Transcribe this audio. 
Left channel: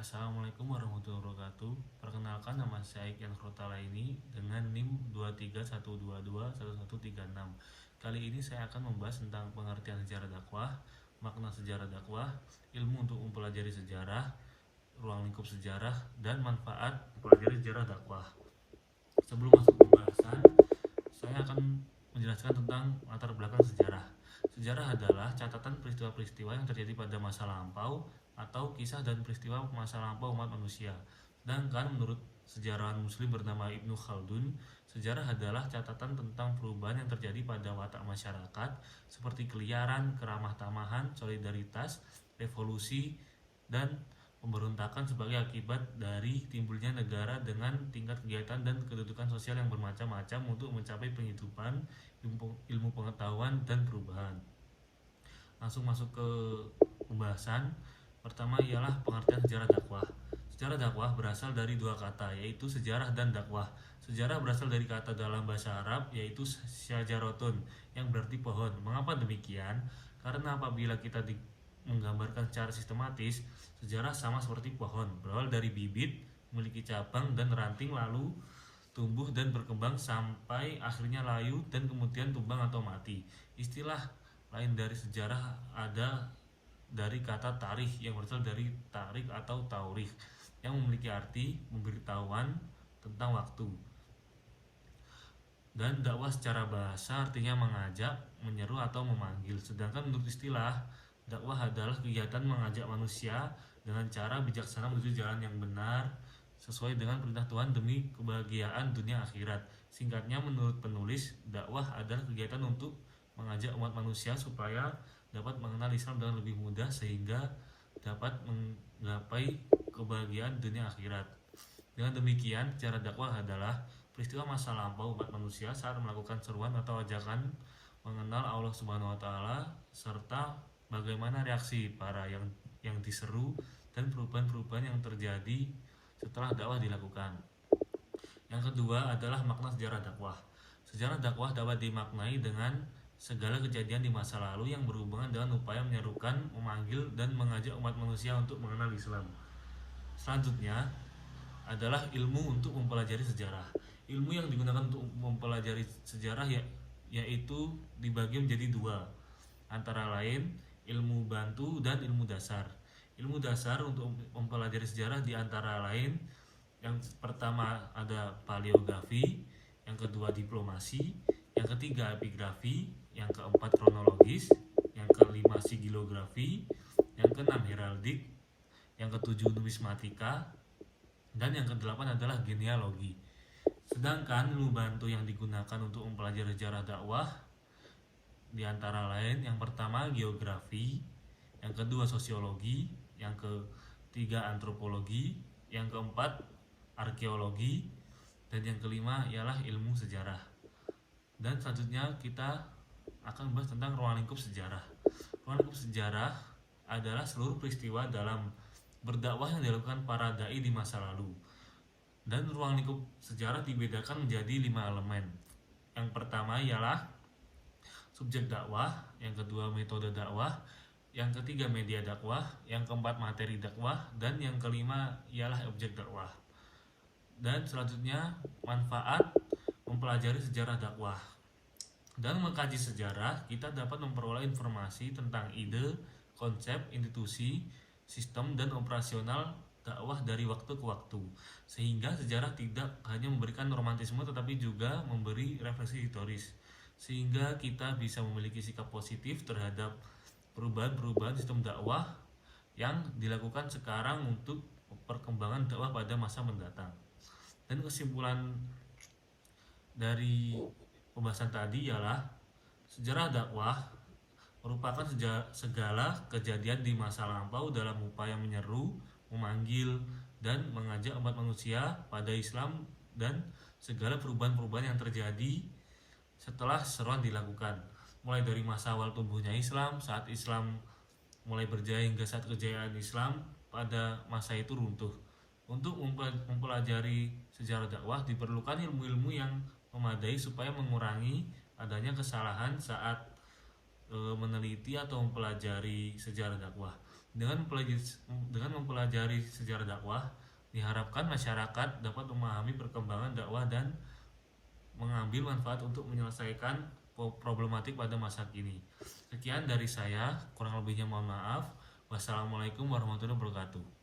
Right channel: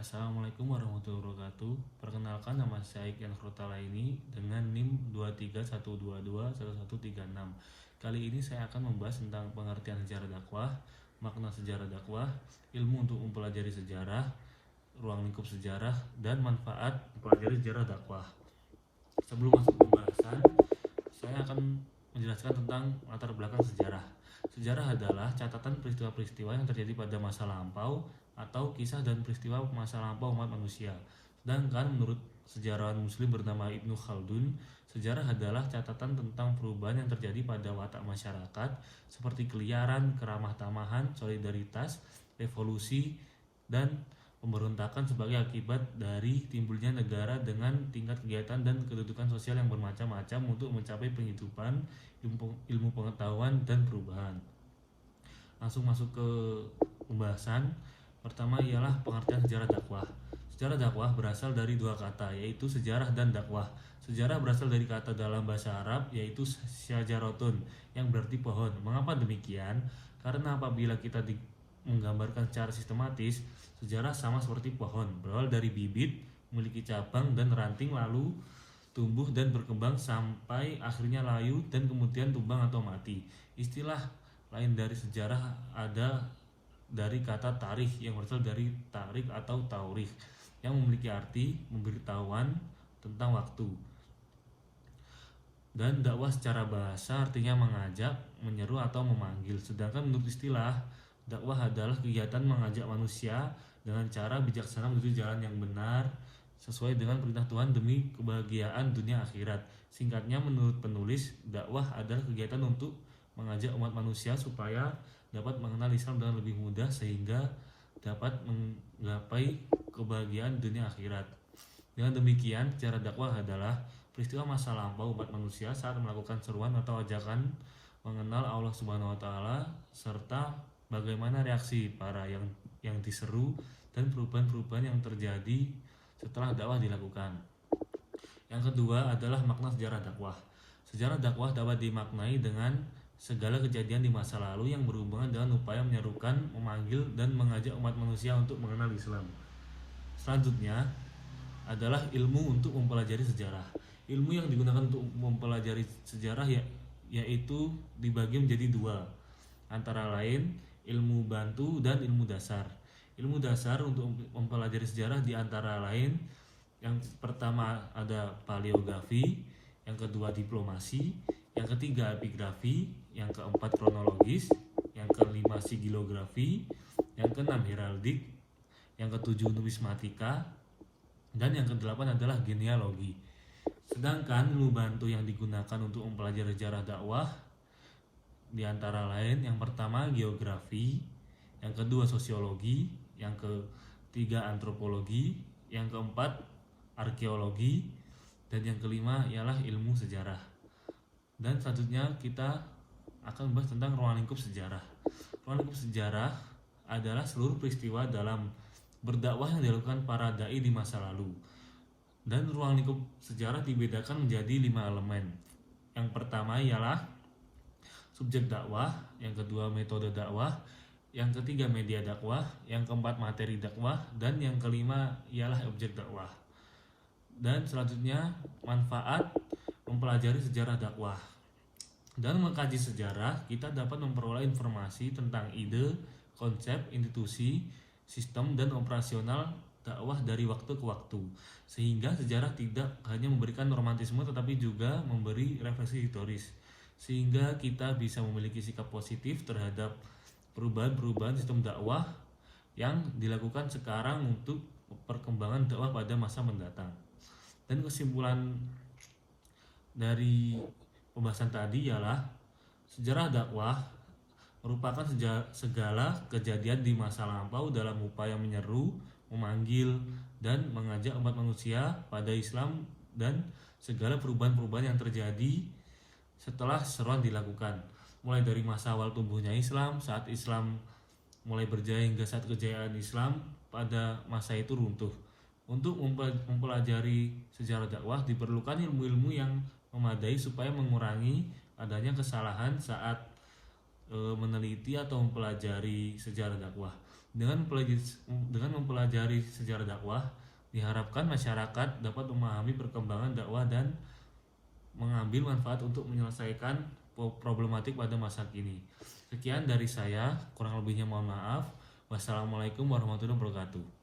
Assalamualaikum warahmatullahi wabarakatuh. Perkenalkan, nama saya Iqyan Khrotalaini dengan NIM 231221136. Kali ini saya akan membahas tentang pengertian sejarah dakwah, makna sejarah dakwah, ilmu untuk mempelajari sejarah, ruang lingkup sejarah, dan manfaat mempelajari sejarah dakwah. Sebelum masuk pembahasan, saya akan menjelaskan tentang latar belakang sejarah. Sejarah adalah catatan peristiwa-peristiwa yang terjadi pada masa lampau atau kisah dan peristiwa masa lampau umat manusia. Sedangkan menurut sejarawan muslim bernama Ibnu Khaldun, sejarah adalah catatan tentang perubahan yang terjadi pada watak masyarakat seperti keliaran, keramah tamahan, solidaritas, revolusi, dan pemberontakan sebagai akibat dari timbulnya negara dengan tingkat kegiatan dan kedudukan sosial yang bermacam-macam untuk mencapai penghidupan, ilmu pengetahuan, dan perubahan. Langsung masuk ke pembahasan. Pertama ialah pengertian sejarah dakwah. Sejarah dakwah berasal dari dua kata, yaitu sejarah dan dakwah. Sejarah berasal dari kata dalam bahasa Arab, yaitu syajaratun, yang berarti pohon. Mengapa demikian? Karena apabila kita menggambarkan secara sistematis, sejarah sama seperti pohon, berawal dari bibit, memiliki cabang dan ranting, lalu tumbuh dan berkembang sampai akhirnya layu dan kemudian tumbang atau mati. Istilah lain dari sejarah ada dari kata tarikh yang berasal dari tarik atau taurikh yang memiliki arti pemberitahuan tentang waktu. Dan dakwah secara bahasa artinya mengajak, menyeru atau memanggil. Sedangkan menurut istilah, dakwah adalah kegiatan mengajak manusia dengan cara bijaksana menuju jalan yang benar sesuai dengan perintah Tuhan demi kebahagiaan dunia akhirat. Singkatnya, menurut penulis, dakwah adalah kegiatan untuk mengajak umat manusia supaya dapat mengenal Islam dengan lebih mudah sehingga dapat menggapai kebahagiaan dunia akhirat. Dengan demikian, sejarah dakwah adalah peristiwa masa lampau umat manusia saat melakukan seruan atau ajakan mengenal Allah Subhanahu wa taala serta bagaimana reaksi para yang diseru dan perubahan-perubahan yang terjadi setelah dakwah dilakukan. Yang kedua adalah makna sejarah dakwah. Sejarah dakwah dapat dimaknai dengan segala kejadian di masa lalu yang berhubungan dengan upaya menyerukan, memanggil, dan mengajak umat manusia untuk mengenal Islam. Selanjutnya adalah ilmu untuk mempelajari sejarah. Ilmu yang digunakan untuk mempelajari sejarah yaitu dibagi menjadi dua, antara lain ilmu bantu dan ilmu dasar. Ilmu dasar untuk mempelajari sejarah di antara lain yang pertama ada paleografi, yang kedua diplomasi, yang ketiga epigrafi, yang keempat kronologis, yang kelima sigilografi, yang keenam heraldik, yang ketujuh numismatika, dan yang kedelapan adalah genealogi. Sedangkan ilmu bantu yang digunakan untuk mempelajari sejarah dakwah di antara lain yang pertama geografi, yang kedua sosiologi, yang ketiga antropologi, yang keempat arkeologi, dan yang kelima ialah ilmu sejarah. Dan selanjutnya kita akan membahas tentang ruang lingkup sejarah. Ruang lingkup sejarah adalah seluruh peristiwa dalam berdakwah yang dilakukan para dai di masa lalu. Dan ruang lingkup sejarah dibedakan menjadi 5 elemen. Yang pertama ialah subjek dakwah, yang kedua metode dakwah, yang ketiga media dakwah, yang keempat materi dakwah, dan yang kelima ialah objek dakwah. Dan selanjutnya manfaat mempelajari sejarah dakwah. Dan mengkaji sejarah, kita dapat memperoleh informasi tentang ide, konsep, institusi, sistem, dan operasional dakwah dari waktu ke waktu. Sehingga sejarah tidak hanya memberikan romantisme tetapi juga memberi refleksi historis. Sehingga kita bisa memiliki sikap positif terhadap perubahan-perubahan sistem dakwah yang dilakukan sekarang untuk perkembangan dakwah pada masa mendatang. Dan kesimpulan dari pembahasan tadi ialah sejarah dakwah merupakan segala kejadian di masa lampau dalam upaya menyeru, memanggil, dan mengajak umat manusia pada Islam dan segala perubahan-perubahan yang terjadi setelah seruan dilakukan, mulai dari masa awal tumbuhnya Islam, saat Islam mulai berjaya hingga saat kejayaan Islam pada masa itu runtuh. Untuk mempelajari sejarah dakwah diperlukan ilmu-ilmu yang memadai supaya mengurangi adanya kesalahan saat meneliti atau mempelajari sejarah dakwah. Dengan mempelajari sejarah dakwah, diharapkan masyarakat dapat memahami perkembangan dakwah dan mengambil manfaat untuk menyelesaikan problematik pada masa kini. Sekian dari saya, kurang lebihnya mohon maaf. Wassalamualaikum warahmatullahi wabarakatuh.